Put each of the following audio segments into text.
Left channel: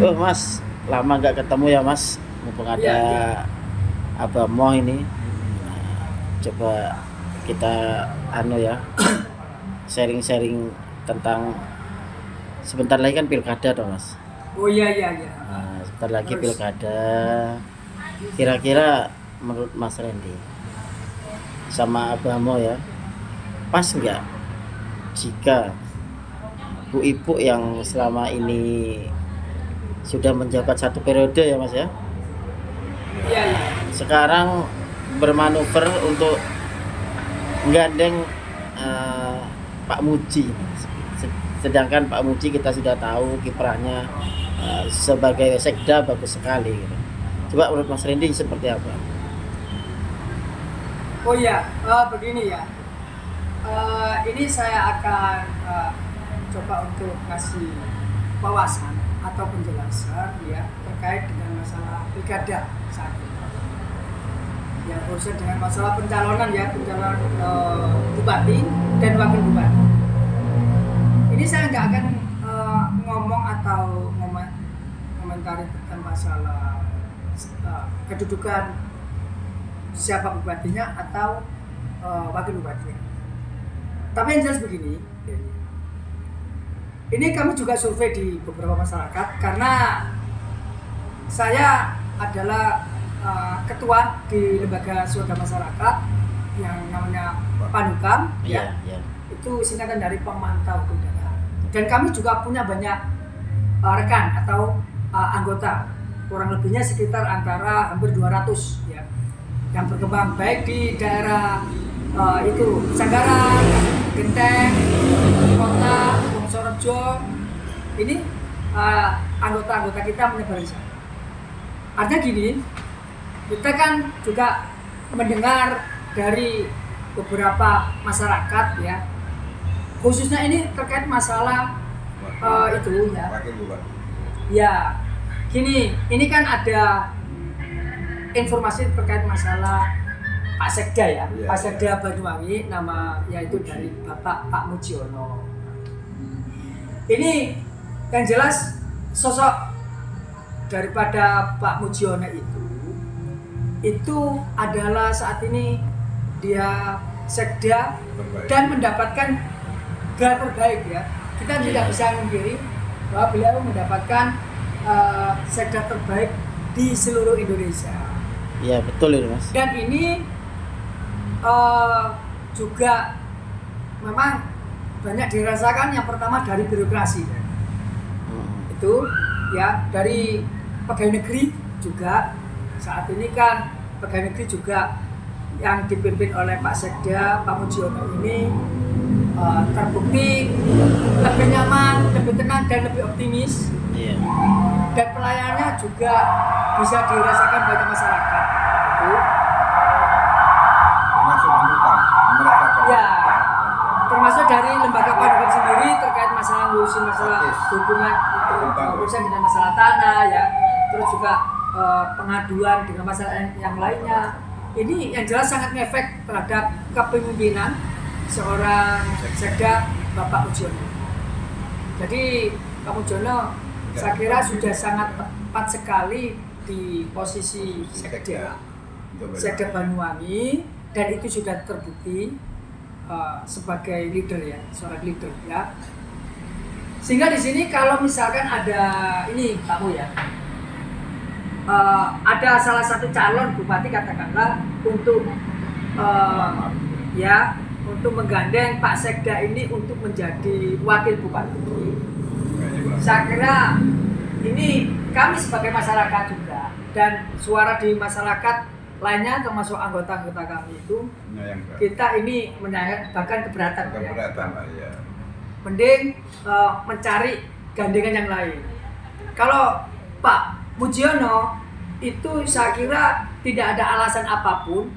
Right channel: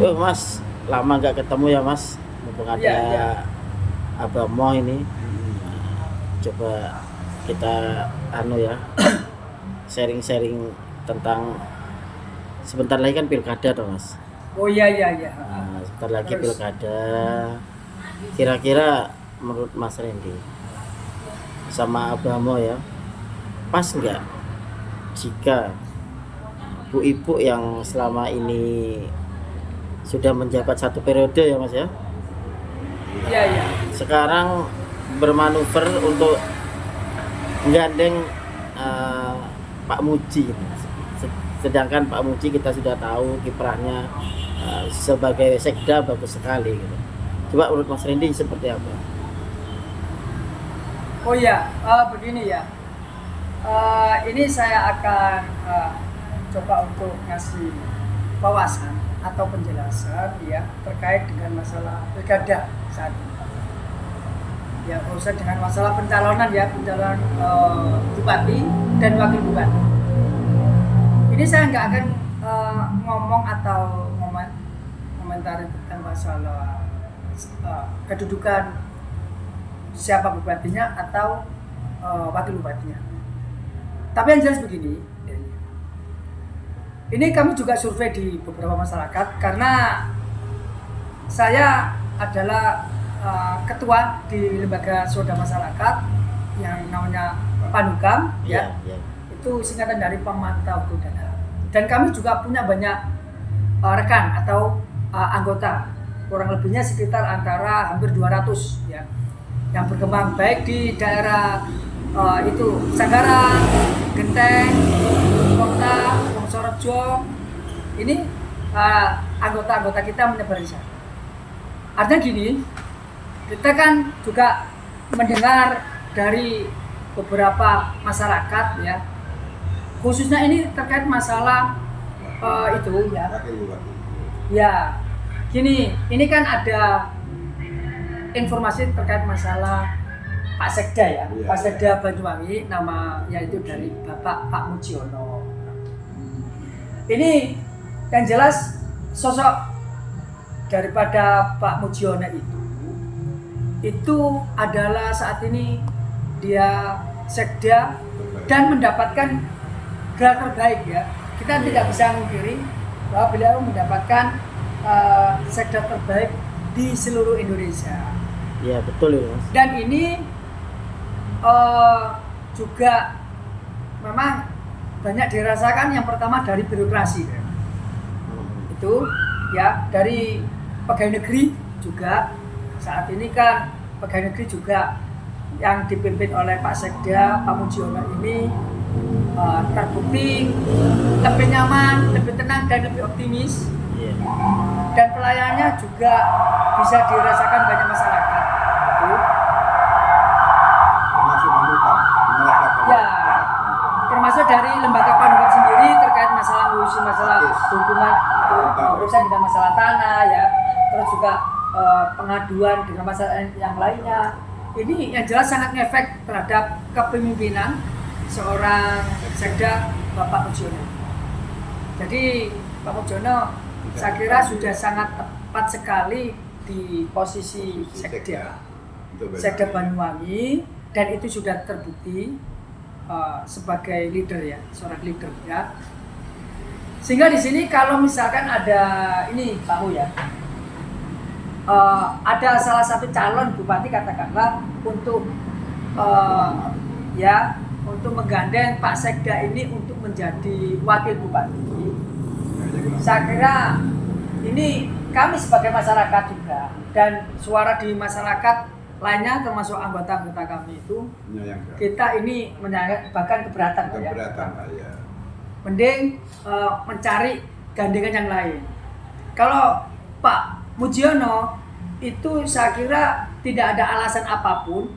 Oh Mas, lama nggak ketemu ya Mas. Mumpung ada Iya, iya. Abah Mo ini. Nah, coba kita ya sharing-sharing tentang sebentar lagi kan pilkada toh Mas. Oh iya, iya, iya. Nah, sebentar lagi Terus, pilkada. Kira-kira menurut Mas Randy sama Abah Mo ya, pas nggak jika Bu Ibu yang selama ini sudah menjabat satu periode ya Mas ya, iya, iya. sekarang bermanuver untuk menggandeng Pak Muji ini. Sedangkan Pak Muji kita sudah tahu kiprahnya sebagai sekda bagus sekali gitu. Coba menurut Mas Randy seperti apa? Oh iya, begini ya. Ini saya akan coba untuk ngasih wawasan atau penjelasan ya terkait dengan masalah pilkada saat ini. Ya urusan dengan masalah pencalonan bupati dan wakil bupati. Ini saya nggak akan ngomong atau komentari tentang masalah kedudukan siapa bupatinya atau wakil bupatinya. Tapi yang jelas begini, ini kami juga survei di beberapa masyarakat karena saya adalah ketua di lembaga swadaya masyarakat yang namanya Panukam, ya. Iya. Itu singkatan dari pemantau pilkada. Dan kami juga punya banyak rekan atau anggota, kurang lebihnya sekitar antara hampir 200 ya, yang berkembang baik di daerah itu Sanggarang, Genteng, Kota, Wongsorejo. Ini anggota-anggota kita menyebar di sana. Artinya gini, kita kan juga mendengar dari beberapa masyarakat ya, khususnya ini terkait masalah itu ya. Ya, gini, ini kan ada informasi terkait masalah Pak Sekda ya, Pak Sekda Banyuwangi, nama yaitu dari Bapak Pak Mujiono. Ini yang jelas sosok daripada Pak Mujiono itu adalah saat ini dia Sekda dan mendapatkan gelar terbaik ya. Kita tidak bisa memungkiri bahwa beliau mendapatkan Sekda terbaik di seluruh Indonesia. Iya betul ini Mas. Dan ini juga memang banyak dirasakan yang pertama dari birokrasi itu ya, dari pegawai negeri juga. Saat ini kan pegawai negeri juga yang dipimpin oleh Pak Sekda Pak Mujiono ini terbukti lebih nyaman, lebih tenang dan lebih optimis. Iya. Dan pelayanannya juga bisa dirasakan banyak masyarakat itu. Ya, termasuk dari lembaga Panukam sendiri terkait masalah ngurusin masalah hubungan urusan dengan masalah tanah ya, terus juga pengaduan dengan masalah yang lainnya. Ini yang jelas sangat ngefek terhadap kepemimpinan seorang Sekda Bapak Mujiono. Jadi Pak Mujiono saya kira sudah sangat tepat sekali di posisi Sekda Banyuwangi, dan itu sudah terbukti sebagai leader ya, seorang leader ya. Sehingga di sini kalau misalkan ada ini Pak Mu ya, ada salah satu calon bupati katakanlah untuk untuk menggandeng Pak Sekda ini untuk menjadi wakil bupati. Saya kira ini kami sebagai masyarakat juga dan suara di masyarakat lainnya termasuk anggota-anggota kami itu kita ini bahkan keberatan ya. Mending mencari gandengan yang lain. Kalau Pak Mujiono itu saya kira tidak ada alasan apapun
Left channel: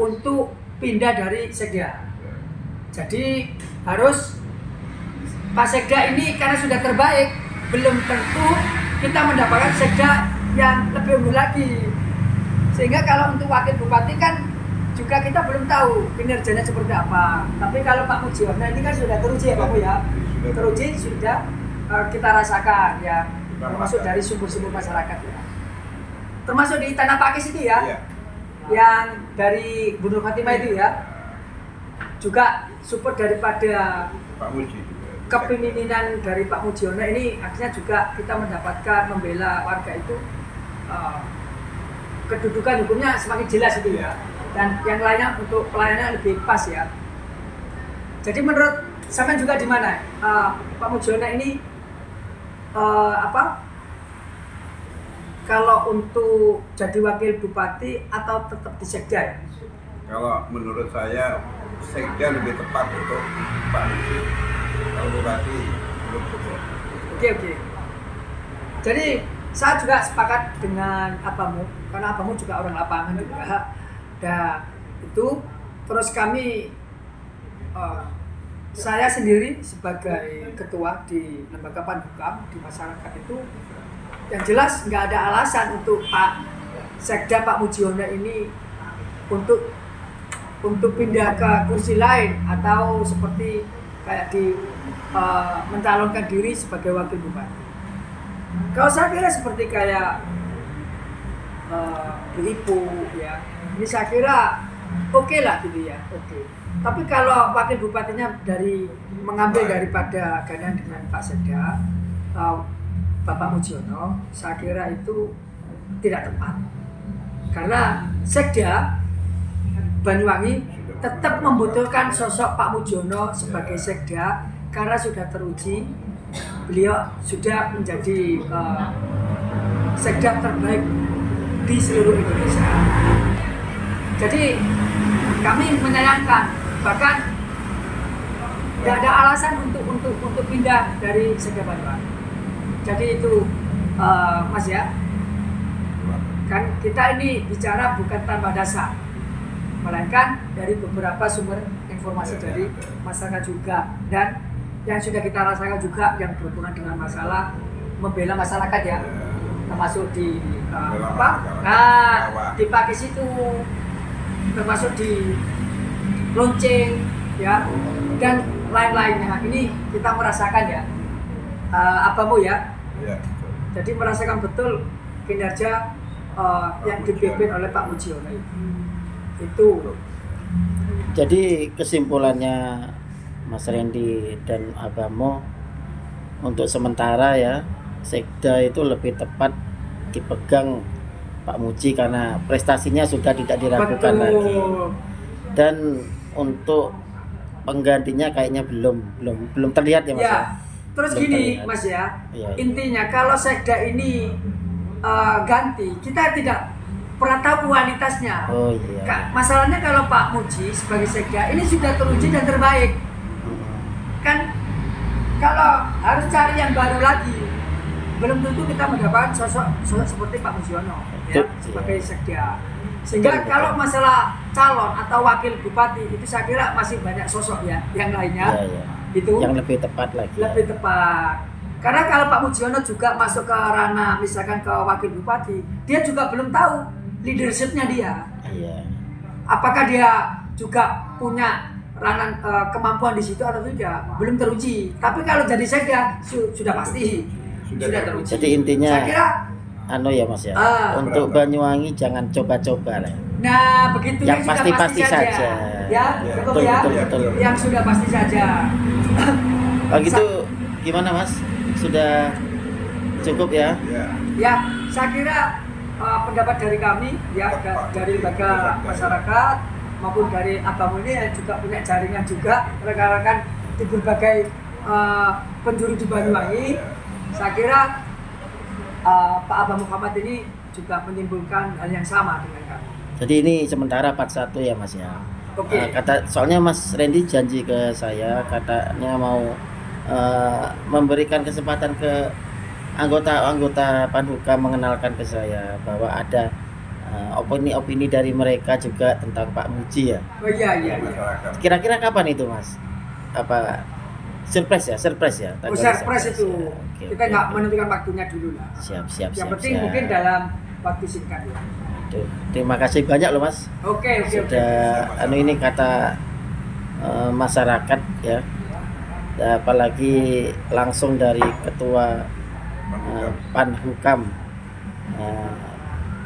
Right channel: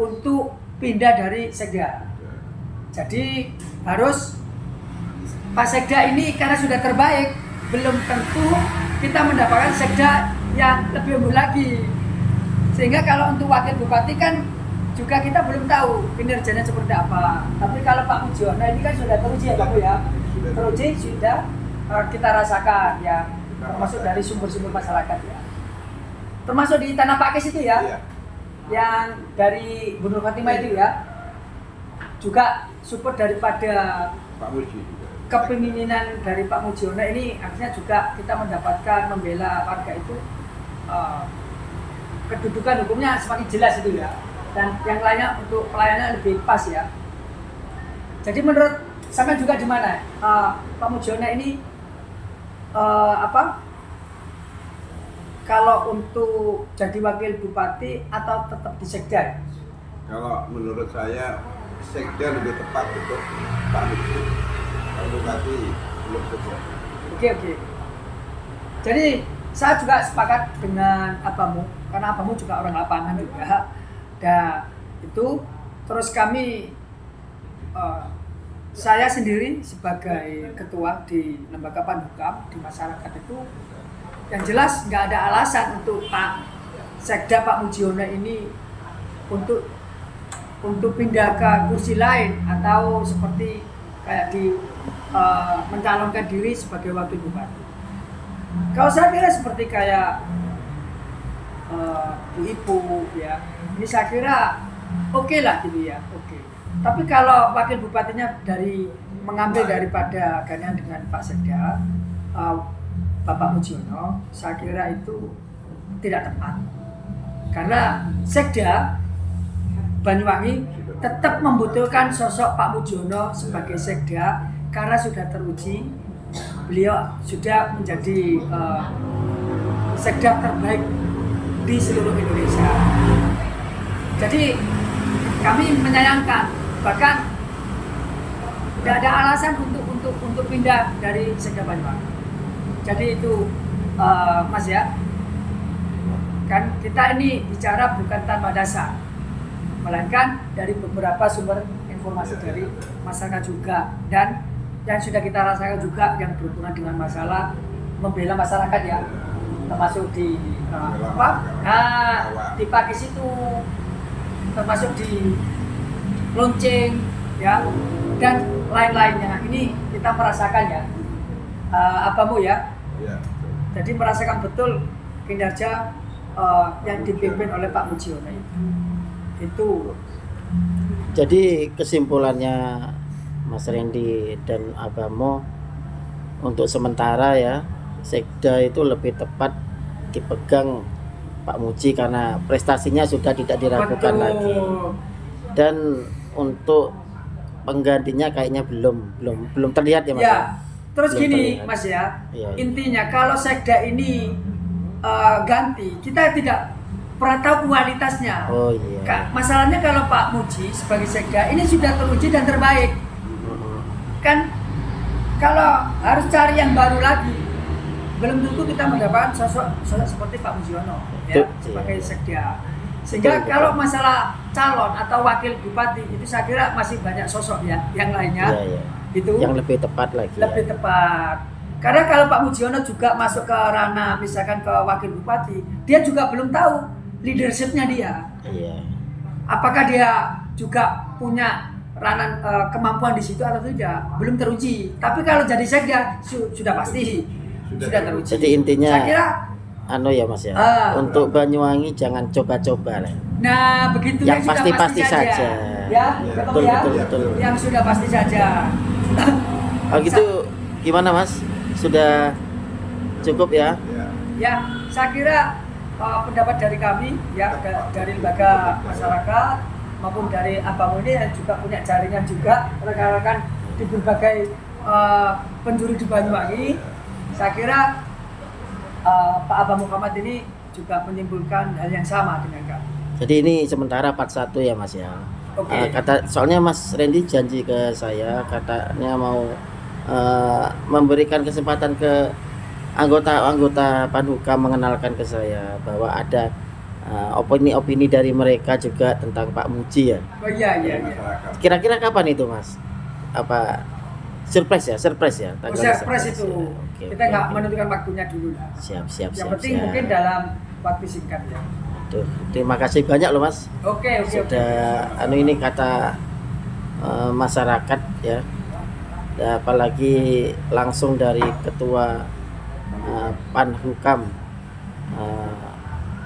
untuk pindah dari Sekda. Jadi harus Pak Sekda ini karena sudah terbaik, belum tentu kita mendapatkan Sekda yang lebih unggul lagi. Sehingga kalau untuk wakil bupati kan juga kita belum tahu kinerjanya seperti apa. Tapi kalau Pak Mujiono ini kan sudah teruji ya Pak Bu ya. Teruji sudah kita rasakan ya. termasuk dari sumber-sumber masyarakat ya. Termasuk di Tanah Pakis itu ya, Iya. yang dari Bu Nur Khotimah itu ya, juga support daripada Pak Muji juga. kepemimpinan dari Pak Mujiono ini, akhirnya juga kita mendapatkan membela warga itu, kedudukan hukumnya semakin jelas itu ya, dan yang lainnya untuk pelayanan lebih pas ya. Jadi menurut sampean juga di mana Pak Mujiono ini kalau untuk jadi wakil bupati atau tetap di sekda ya? Kalau menurut saya sekda lebih tepat untuk Pak Muji. Kalau bupati belum cukup. Oke. Jadi saya juga sepakat dengan abamu, karena abamu juga orang lapangan juga. Dan itu terus kami, saya sendiri sebagai ketua di lembaga Panhukam di masyarakat itu, yang jelas nggak ada alasan untuk Pak Sekda Pak Mujiono ini untuk pindah ke kursi lain atau seperti kayak mencalonkan diri sebagai wakil bupati. Kalau saya kira seperti kayak Bu Ipu ya, ini saya kira oke lah gitu ya, oke. Tapi kalau wakil bupatinya mengambil daripada gantian dengan Pak Sekda, Bapak Mujiono, saya kira itu tidak tepat. Karena Sekda Banyuwangi tetap membutuhkan sosok Pak Mujiono sebagai Sekda, karena sudah teruji beliau sudah menjadi Sekda terbaik di seluruh Indonesia. Jadi kami menyayangkan, bahkan tidak ada alasan untuk pindah dari Sekda Banyuwangi. Jadi itu Mas ya, kan kita ini bicara bukan tanpa dasar, melainkan dari beberapa sumber informasi dari masyarakat juga, dan yang sudah kita rasakan juga yang berhubungan dengan masalah membela masyarakat ya, termasuk di di Pakis itu, termasuk di Lonceng ya, dan lain-lainnya. Ini kita merasakan ya, abamu ya. Iya. Jadi merasakan betul kinerja yang dipimpin oleh Pak Mujiono itu. Jadi kesimpulannya Mas Randy dan Abamo, untuk sementara ya Sekda itu lebih tepat dipegang Pak Muji karena prestasinya sudah tidak diragukan Betul. lagi. Dan untuk penggantinya kayaknya belum terlihat ya Mas. Ya, terus Belum gini terlihat. Mas ya, Iya. intinya kalau Sekda ini ganti, kita tidak pernah tahu kualitasnya. Oh iya. Masalahnya kalau Pak Muji sebagai Sekda ini sudah teruji dan terbaik, kan kalau harus cari yang baru lagi, belum tentu kita mendapatkan sosok seperti Pak Mujiono ya, sebagai Sekda. Sehingga Betul. kalau masalah calon atau wakil bupati itu saya kira masih banyak sosok ya yang lainnya. Iya. Itu Yang lebih tepat lagi. lebih Ya. tepat. Karena kalau Pak Mujiono juga masuk ke ranah misalkan ke wakil bupati, dia juga belum tahu leadershipnya dia. Iya. Apakah dia juga punya ranah kemampuan di situ atau tidak, belum teruji. Tapi kalau jadi Sekda sudah pasti sudah teruji. Jadi intinya saya kira, ya Mas ya. Untuk Banyuwangi jangan coba-coba lah. nah begitu Yang sudah pasti-pasti saja. Ya, Betul, ya. betul. Yang sudah pasti saja. Oh gitu, gimana Mas? Sudah cukup ya? Iya. Ya, saya kira pendapat dari kami ya, dari lembaga masyarakat maupun dari Abamu ini yang juga punya jaringan juga rekan-rekan di berbagai penjuru di Banyuwangi. Saya kira Pak Abah Muhammad ini juga menyimpulkan hal yang sama dengan kami. Jadi ini sementara part 1 ya Mas ya. Oke. Soalnya Mas Randy janji ke saya, katanya mau memberikan kesempatan ke anggota Panhukam mengenalkan ke saya bahwa ada opini-opini dari mereka juga tentang Pak Muji ya. Oh iya. Masyarakat. Kira-kira kapan itu Mas? Apa surprise ya? Oh, surprise itu. ya. Oke, Kita oke, nggak oke. menentukan waktunya dulu lah. Siap. Yang penting mungkin dalam waktu singkat ya. Aduh, terima kasih banyak loh Mas. Oke. Sudah ini kata masyarakat ya. Apalagi langsung dari ketua Panhukam,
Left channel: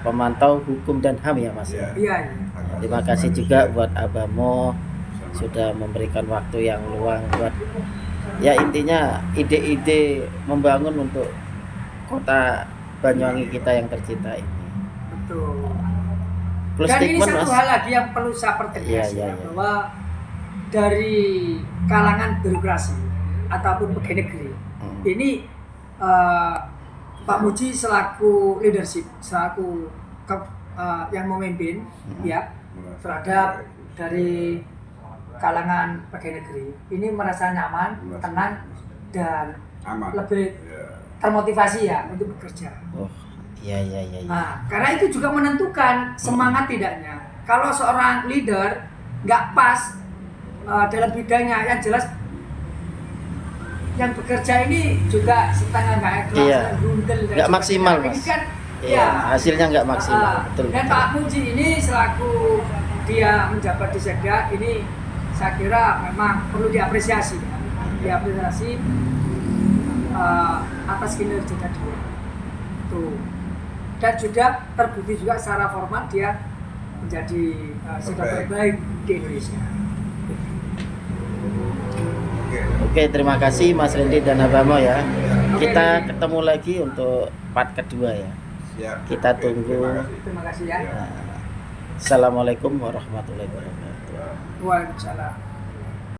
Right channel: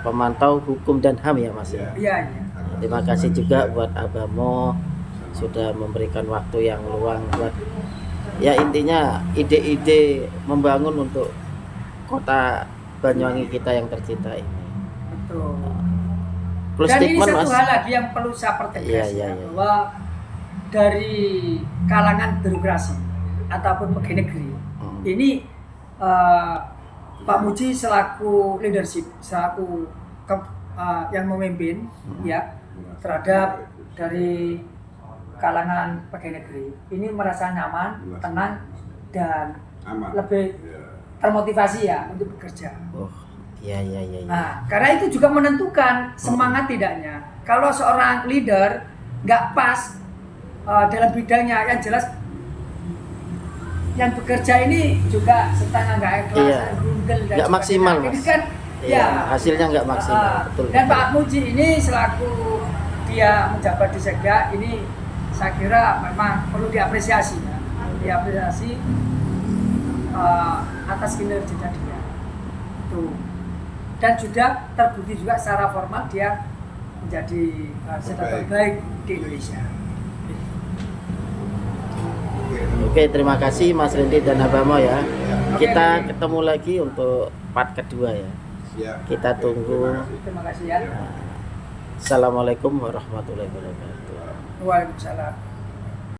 pemantau hukum dan HAM ya Mas ya. Iya, iya. Nah, terima kasih juga buat Abamo sudah memberikan waktu yang luang buat ya intinya ide-ide membangun untuk kota Banyuwangi kita yang tercinta ini. Betul. Plus Dan ini statement satu Mas. hal lagi yang perlu saya pertegas Iya, ya, iya. bahwa dari kalangan birokrasi ataupun pegawai negeri ini Pak Muji selaku leadership, selaku yang memimpin ya terhadap dari kalangan pegawai negeri ini merasa nyaman, tenang dan Aman. lebih Ya. termotivasi ya untuk bekerja. Oh, iya. Nah, karena itu juga menentukan semangat tidaknya. Kalau seorang leader nggak pas dalam bidangnya, yang jelas yang bekerja ini juga setengah nggak ikhlas, Iya. grundel, dan Nggak maksimal, sebagainya. Mas. Ini kan, Iya, ya, hasilnya nggak maksimal, betul. Dan Pak Muji ini selaku dia menjabat di Sekda ini saya kira memang perlu diapresiasi ya. Diapresiasi atas kinerja dia. Tuh. Dan juga terbukti juga secara formal dia menjadi sekda terbaik di Indonesia. Oke. Oke, terima kasih Mas Rendi dan Abamo ya. Oke, Kita Rendi. ketemu lagi untuk part kedua ya. Siap. Kita Oke, tunggu. Terima kasih ya. Assalamualaikum warahmatullahi wabarakatuh. Waalaikumsalam.